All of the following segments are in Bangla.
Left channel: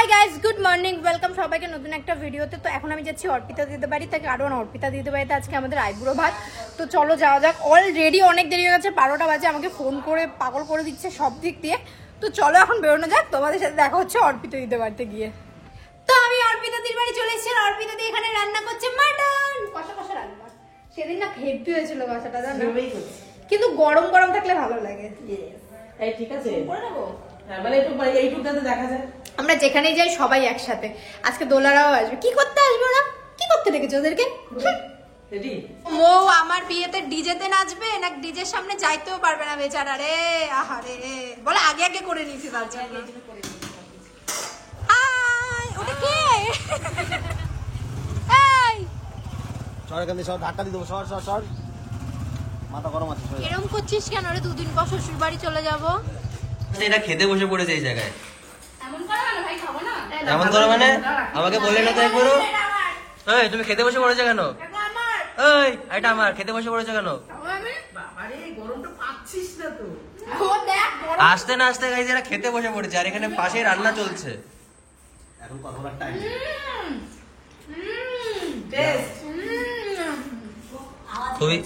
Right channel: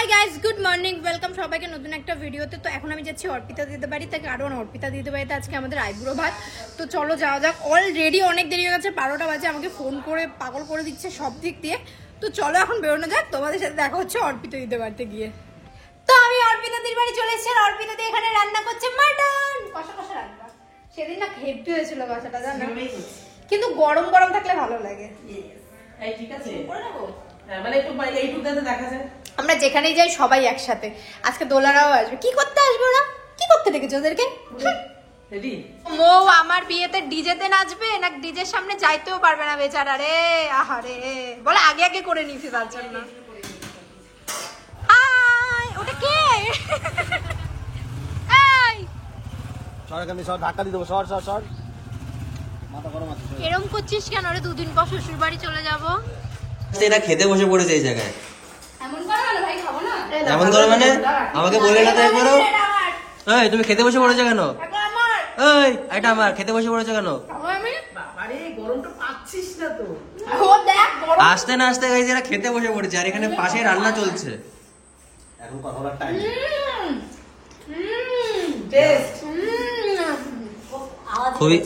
Hi guys, good morning, welcome সবাইকে নতুন একটা ভিডিওতে। তো এখন আমি যাচ্ছি অর্পিতা দিদি বাড়িতে, কারণ অর্পিতা দিদি বাড়িতে আজকে আমাদের আইবুড়ো ভাত। তো চলো যাওয়া যাক। অলরেডি অনেক দেরি হয়ে গেছে, 12টা বাজে। আমাকে ফোন করে পাগল করে দিচ্ছে সব দিক দিয়ে। তো চলো এখন বেরোনো যাক, তোমাদের সাথে দেখা হচ্ছে অর্পিতা দিদি বাড়িতে গিয়ে। তো আমি অর্পিতা দিদির বাড়ি চলে এসেছি। অর্পিতা দি এখানে রান্না করছে মাটন, কষা কষা রান্না। সেদিন না হেভি হয়েছিল মাথাটা, জানো, কিন্তু গরম গরম থাকলে ভালো লাগে। ঠিক আছে, মানে একটু এইটুকুটাতে দেখা যায়। আমরা যেখানেই যাই সবাই একসাথে। আজকে দোলারাও আসবে। কি করতে আসবে ওরা? কি করতে ডেকেছে ওদেরকে? ও আমার বিয়েতে ডিজেতে নাচবে না, ডিজের সামনে যাইতেও পারবে না বেচারা রে। আহারে, বলে আগে আগে করে নিয়েছি তার জন্য। ওটা কে? ধাক্কা দিয়ে দেবো। সর মাথা গরম আছে। এরকম করছিস কেন রে? দুদিন পর শ্বশুর বাড়ি চলে যাবো। এটা খেতে বসে পড়েছে এই জায়গায়। এমন করো না ভাই, খাবো না। এমন করো মানে? আমাকে বললে না তাই করো। এই তুমি খেতে বসে পড়েছো কেন? এই এটা আমার, খেতে বসে পড়েছো কেন? বাবারে, গরমটা পাচ্ছিস না তো? আসতে না আসতে গাইজ এরা খেতে বসে পড়েছে, আর এখানে পাশে রান্না চলছে। এখন কথা বলার টাইম। খুবই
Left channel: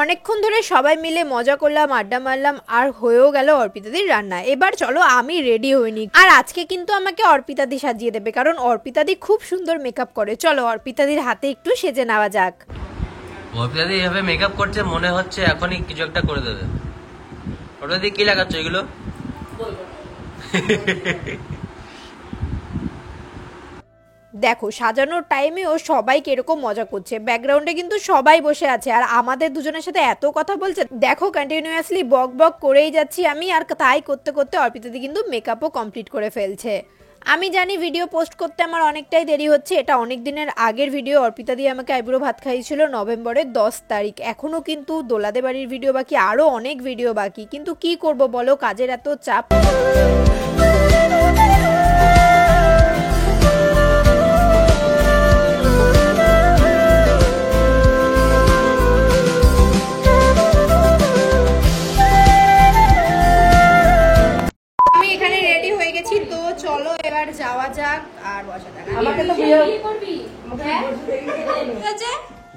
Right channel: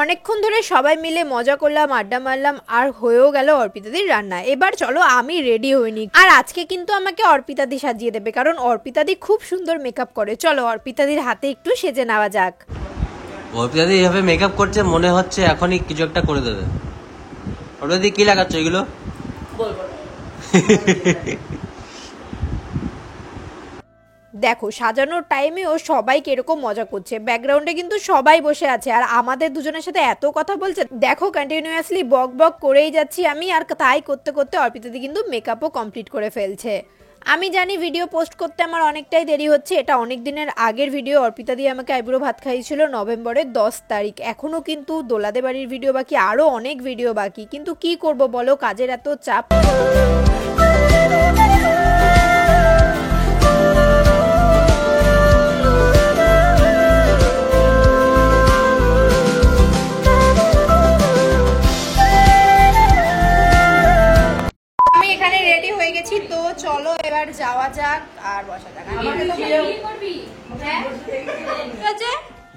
অনেকক্ষণ ধরে সবাই মিলে মজা করলাম, আড্ডা মারলাম, আর হয়েও গেল অর্পিতাদির রান্না। এবার চলো আমি রেডি হইনি। আর আজকে কিন্তু আমাকে অর্পিতাদি সাজিয়ে দেবে, কারণ অর্পিতাদি খুব সুন্দর মেকআপ করে। চলো অর্পিতাদির হাতে একটু সেজে নেওয়া যাক। অর্পিতাদি এইভাবে মেকআপ করছে, মনে হচ্ছে এখনই কিছু একটা করে দেবে। অর্পিতাদি কি লাগাচ্ছ এগুলো? দেখো সাজানোর টাইমেও সবাই কিরকম মজা করছে। ব্যাকগ্রাউন্ডে কিন্তু সবাই বসে আছে, আর আমাদের দুজনের সাথে এত কথা বলছে। দেখো কন্টিনিউয়াসলি বক বক করেই যাচ্ছি আমি, আর তাই করতে করতে অর্পিতাদি কিন্তু মেকআপও কমপ্লিট করে ফেলছে। আমি জানি ভিডিও পোস্ট করতে আমার অনেকটাই দেরি হচ্ছে। এটা অনেক দিনের আগের ভিডিও। অর্পিতাদি আমাকে আইবুড়ো ভাত খাইয়েছিল নভেম্বরের 10 তারিখ। এখনো কিন্তু দোলাদে বাড়ির ভিডিও বাকি, আরো অনেক ভিডিও বাকি। কিন্তু কি করব বলো, কাজের এত চাপ। তো চলো এবার যাওয়া যাক আর বসা যাক।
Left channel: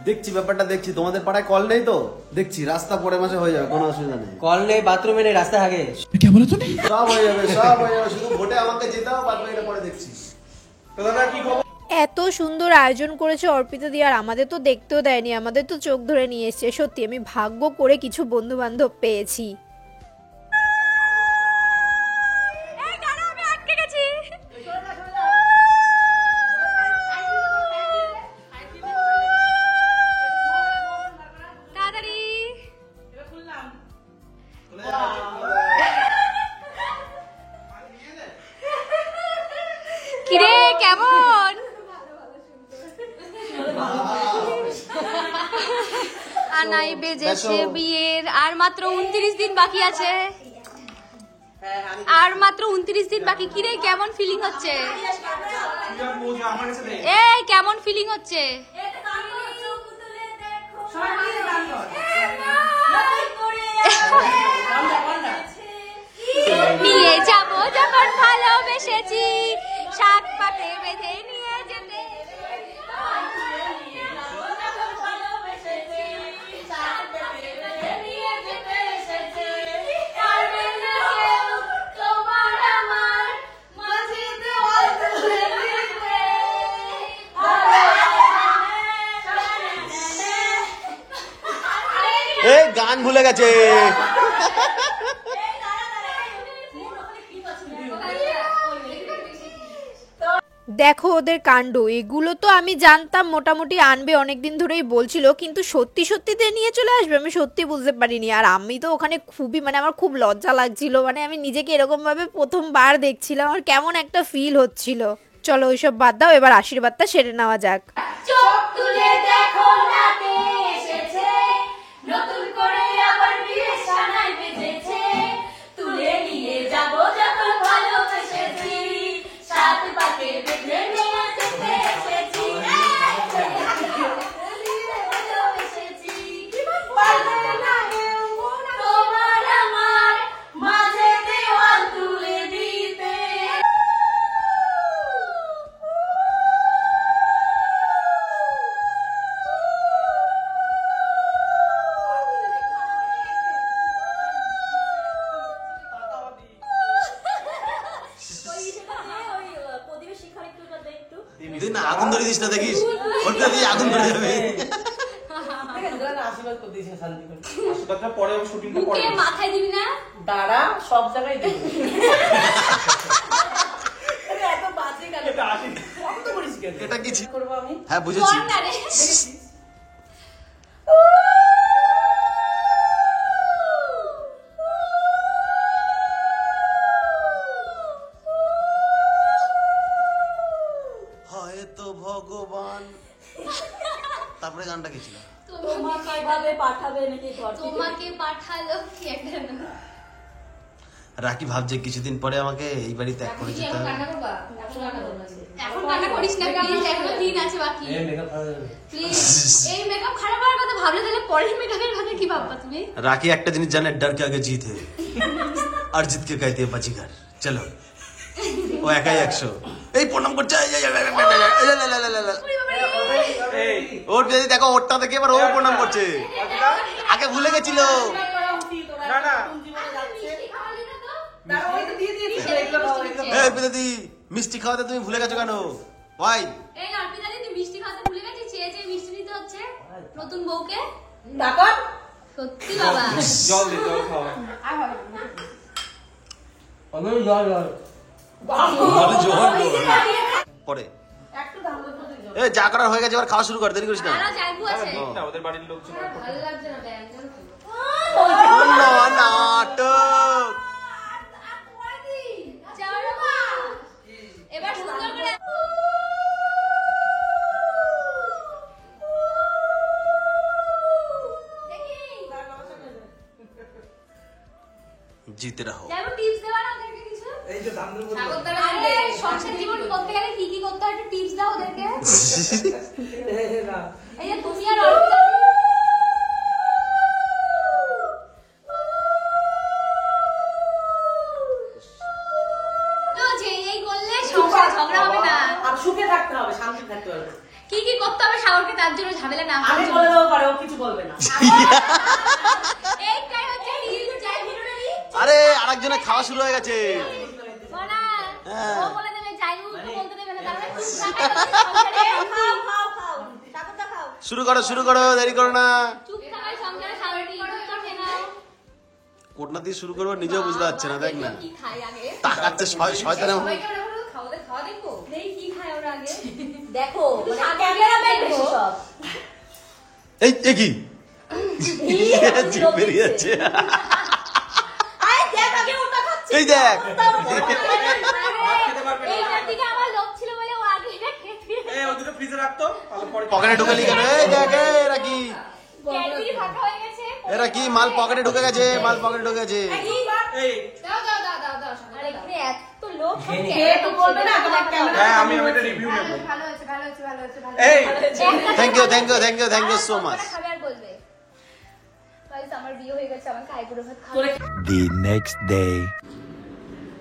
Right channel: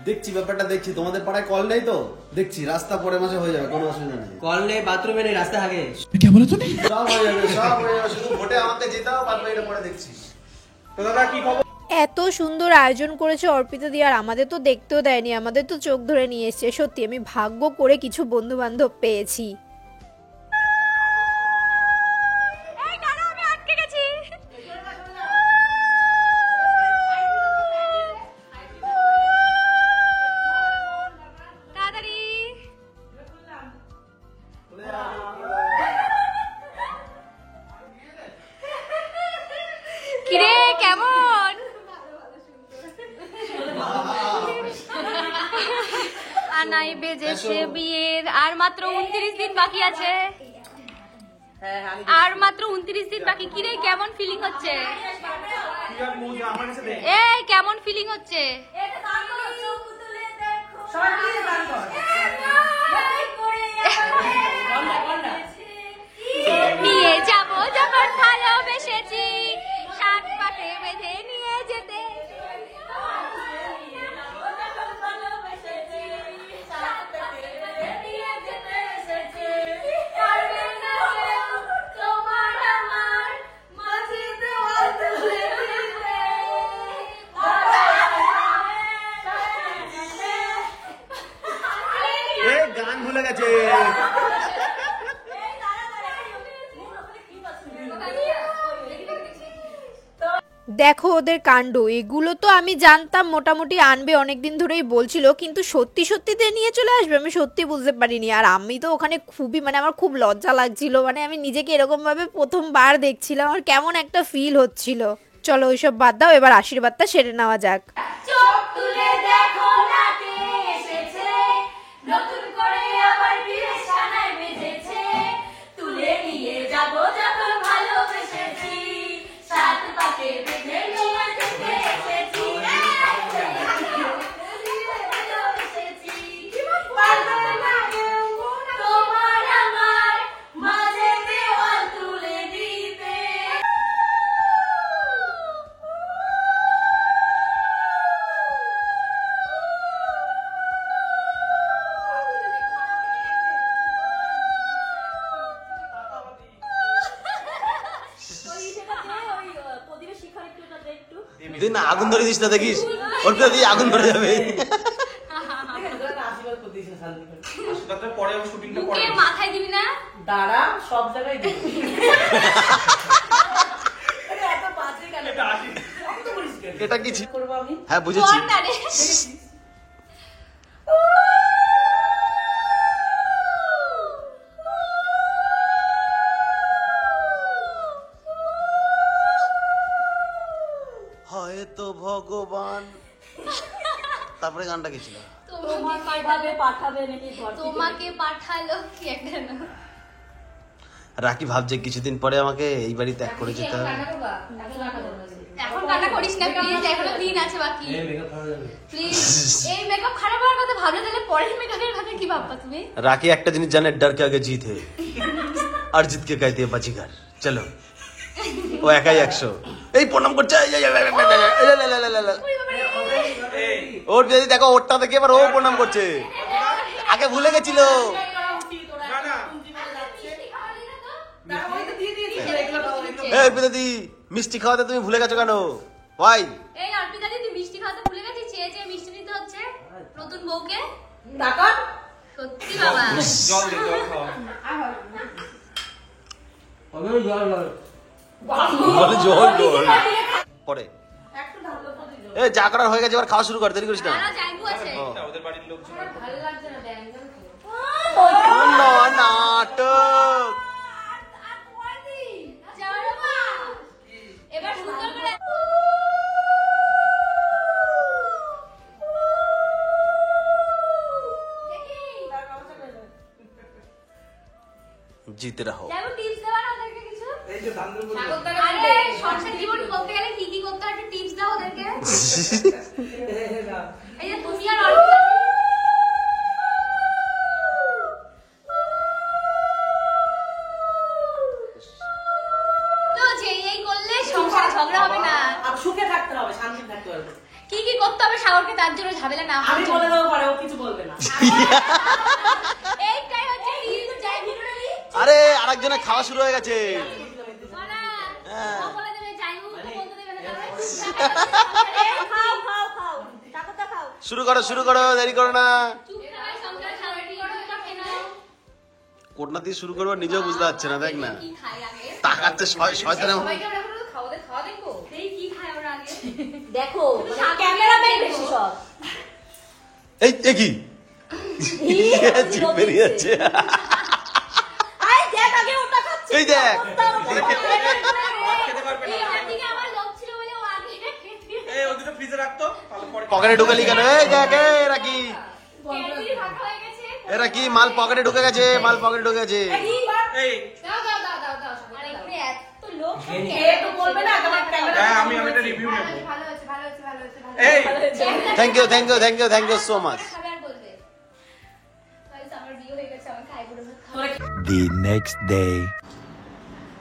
দেখছি ব্যাপারটা, দেখছি। তোমাদের পাড়ায় কল নেই তো? দেখছি রাস্তা পরে মাঝে হয়ে যাবে, কোনো অসুবিধা নেই। কল নেই, বাথরুমে নেই, রাস্তা আগে। সব হয়ে যাবে, সব হয়ে যাবে। শুধু ভোটে আমাকে যেতে হবে, বাদ বাকিটা পরে দেখছি। দাদা কি খবর? এত সুন্দর আয়োজন করেছে অর্পিতা দি, আর আমাদের তো দেখতেও দেয়নি, আমাদের তো চোখ ধরে নিয়ে এসছে। সত্যি আমি ভাগ্য করে কিছু বন্ধু বান্ধব পেয়েছি। কিরে কেমন? আনাই বেজেছে বিয়ের, আর মাত্র 29 দিন বাকি আছে। আর মাত্র 29 দিন বাকি। কিরে কেমন ফিলিং হচ্ছে? এই কেমন ফিলিং হচ্ছে? নিয়ে যাবো যখন ভালোবেসেছি, সাত পাতে বেঁধে নিয়ে যেতে। গান ভুলে গেছে। দেখো ওদের কাণ্ড। এগুলো তো আমি জানতাম মোটামুটি আনবে, অনেকদিন ধরেই বলছিল, কিন্তু সত্যি সত্যিতে নিয়ে চলে আসবে আমি সত্যি বুঝতে পারিনি। আর আমি তো ওখানে খুবই, মানে আমার খুব লজ্জা লাগছিল। মানে আমি নিজেকে এরকম ভাবে প্রথমবার দেখছিলাম, আমার কেমন একটা ফিল হচ্ছিল। চলো ওইসব বাদ দাও, এবার আশীর্বাদটা সেরে নেওয়া যাক। চোখ তুলে দেখো রাতে এসেছে, নতুন করে আবার বিয়ে সানাই বেজেছে, তুলে নিয়ে যাব যখন ভালোবেসেছি, সাত পাতে বেঁধে নিয়ে যেতে এসেছি। তুই না আগুন ধরে দিস না, দেখিস ওর তো দিয়ে আগুন ধরে যাবে। আশীর্বাদ করে দিয়েছেন শান্তি করে। আশীর্বাদটা পরে শুটিং বুকে মাথায় দিবি না? দাঁড়া, সব জায়গায় দিবি। আরে এত বাজে কেন? কত করিস কেন? এটা কি ছিল? করবো আমি? হ্যাঁ বুঝেছি। কর না রে। হয়তো ভগবান, তারপরে গানটা কি ছিল? তোমাকে পাঠালো কি একটা না। রাকি ভাবছে কিছুদিন পরে আমাকে এই বাড়ি ত্যাগ করে যেতে হবে। এখন কান্না করিস না প্লিজ, এখনো দিন আছে বাকি প্লিজ। এই মেকআপ খারাপ হওয়ার কথা ভাবলে তাহলে পরের মেকআপের কথা কি ভাববা তুমি? রাকি একটা জিনিস জানে, ডর কে আগে জিত হে আর জিত কে कहते हैं बाजीगर। চলো, ও একাই 100। এই প্রণাম করছে, ওর যদি দেখো ওরটা দেখে এবার ও প্রণাম করছে, আগে ভুলে গেছিল। এই পিতাদি, মিষ্টি খাওয়াতে তুমি ভুলে গেছো কেন? ভাই এই অর্পিতা দি, তুই মিষ্টি খাওয়াতে ভুলে গেছিস? চেয়ে চেয়ে মিষ্টি দিতে হচ্ছে নতুন বউকে। ডাকর সত্যি বাবা। জল দে, জল খাওয়া। বলে জোর জোর পরে এ যা করার হয়ে গেছে, এবার খাওয়া শুরু কর, দেরি করিস না। তারা যাইবো আছে। ওদের বাড়ির লোকজন ভালো লাগছে না তাই একদম। নাটক যাও রে মা। এবার সুন্দর করে জিতে রাখো। যাইবো, টিপস দেবা না ওদেরকে কিছু? এই যে দাম দেবো আরে সংসার জীবন করতে গেলে কি কি করতে হয় একটু টিপস দাও ওদেরকে। এই যে তুমি আর অর্পিতা তো যে এই করলে সংসারে ঝগড়া হবে না। আর সুখে থাকতে হবে, শান্তি থাকতে হবে। কি কি করতে হবে সাগরকে তার জন্য ঝামেলা না আমি হয়। বলে দেবো পারে, ও কিছু বলবে না। এইটাই হচ্ছে টিপস, যাই ভিডিওটা দিই। আরে আরেকজনের খাওয়া শুরু হয়ে গেছে। সোনা, হ্যাঁ। ও বলে দেবে চাই মুখ বলতে দেবে না তাহলে শুরু করো শুরু করো, দেরি করো না। চুপ থাকার সংসারে সাগর কি করে করতে না। কোটনা দিয়ে শুরু করবো নিজেও বুঝতে পারছে না, দেখ না কি খাই আগে? তাকাচ্ছে শয়তানের মতো। সবাইকে আমরা বলবো খাওয়া দেখবো। এই কি খাই আমরা আগে? দেখো, ক্যামেরা বেশি সব। এই কি জিভ বেরিয়ে যাচ্ছে। আরে দেখ আগে ওটা খাচ্ছে। এই দেখ, খেতে পারবে না। এইটার দিকে আমার লোভ ছিল বলে ও আগে এই ওই দুটো ফ্রিজে রাখতো, তাহলে পরে পকেটে ঢুকালি কেন? এই দেখ, এরা কি ক্যাডবেরি ফাটা হয়ে গেছে। এরা কি মাল পকেটে ঢুকে গেছে, মাল পকেটে ঢুকে গেছে। এই দাও দাও দাও দাও দাও আরে এখানে এত লোক কে তো বলবে না, তোমার ক্যামেরা। হ্যাঁ, আমি একটা রিভিউ নেব। ভালো হয়েছে ভালো হয়েছে ভালো হয়েছে ভালো এই thank you thank you thank you thank you so much. খাবে আর বলবে গাইস আমার বিয়ে হয়ে গেছে আমার আইব্রো ভাত The next day.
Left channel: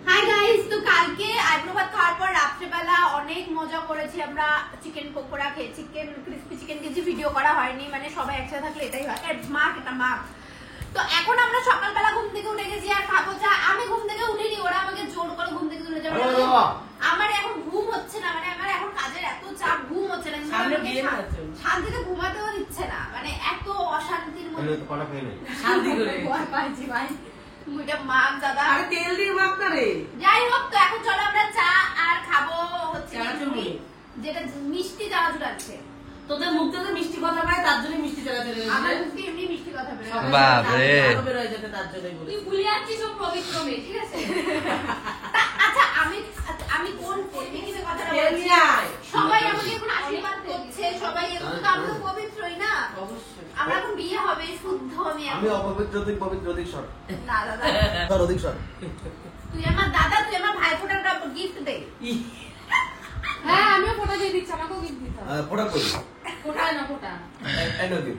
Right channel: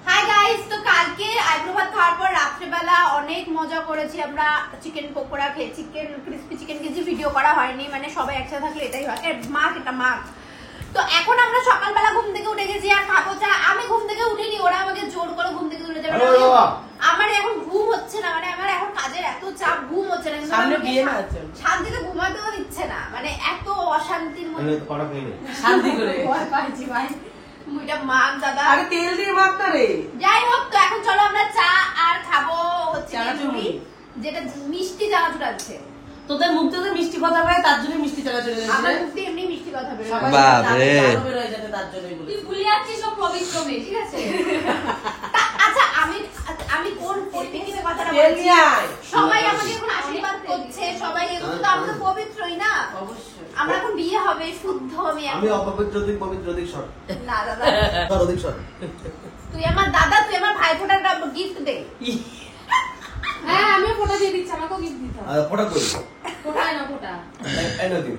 Hi guys, তো কালকে আইব্রো ভাত খাওয়ার পর রাত্রেবেলা অনেক মজা করেছি আমরা। চিকেন পকোড়া খেয়ে, চিকেন ক্রিস্পি চিকেন কিছু ভিডিও করা হয়নি, মানে সবাই একসাথে থাকলে এটাই হয়। মাক এটা মাক। তো এখন আমরা সকালবেলা ঘুম থেকে উঠে গেছি আর খাবো চা। আমি ঘুম থেকে উঠিনি, ওরা আমাকে জোর করে ঘুম থেকে তুলে যাবে। আমার এখন ঘুম হচ্ছে না, মানে আমার এখন কাজের এত চাপ, ঘুম হচ্ছে না। সামনে আমাকে বিয়ে না হচ্ছে। শান্তিতে ঘুমাতেও দিচ্ছে না, মানে এত অশান্তির মধ্যে শান্তি করে। ভয় পাইছি ভাই। মুইটা মাক দাদা। আরে তেল দিয়ে মাখতে রে। যাই হোক, তো এখন চলো আমরা চা আর খাবো হচ্ছে চানাচুরি। যেটা মিষ্টি চানাচুর আছে। তোদের মুখ থেকে মিষ্টি কথা বেরোয়, তার জন্য মিষ্টি চালা চলে আমার মুখ দিয়ে এমনি মিষ্টি কথা বেরোয়। বাপরে। বেরোয় যাতে তার জন্যই বলি। তুই ভুলে যাচ্ছিস সব পবিত্র মেয়ে ঠিক আছে আচ্ছা, আমি কোন পরিপ্রেক্ষিতে কথাটা তেল বলছি? নিয়ে আয়। সবাই আমাকে এখন আশীর্বাদ করছে, সবাই এগুলো তো আমরা তো পবিত্রই না। অবশ্যই। আমরা এখন বিয়ে হবে, শুদ্ধ আমি আমি এখন। অপবিত্র, তুই পবিত্র, অধিক সর না দাদা, সর, অধিক সর। তুই আমার দাদা, তুই আমার ভাই ফোটার গিফট দে। হ্যাঁ আমিও ফটো দিয়ে দিচ্ছি আমাকেও গিফট দিতে হবে ফোটা করি ফোটায় না ফোটা I know you.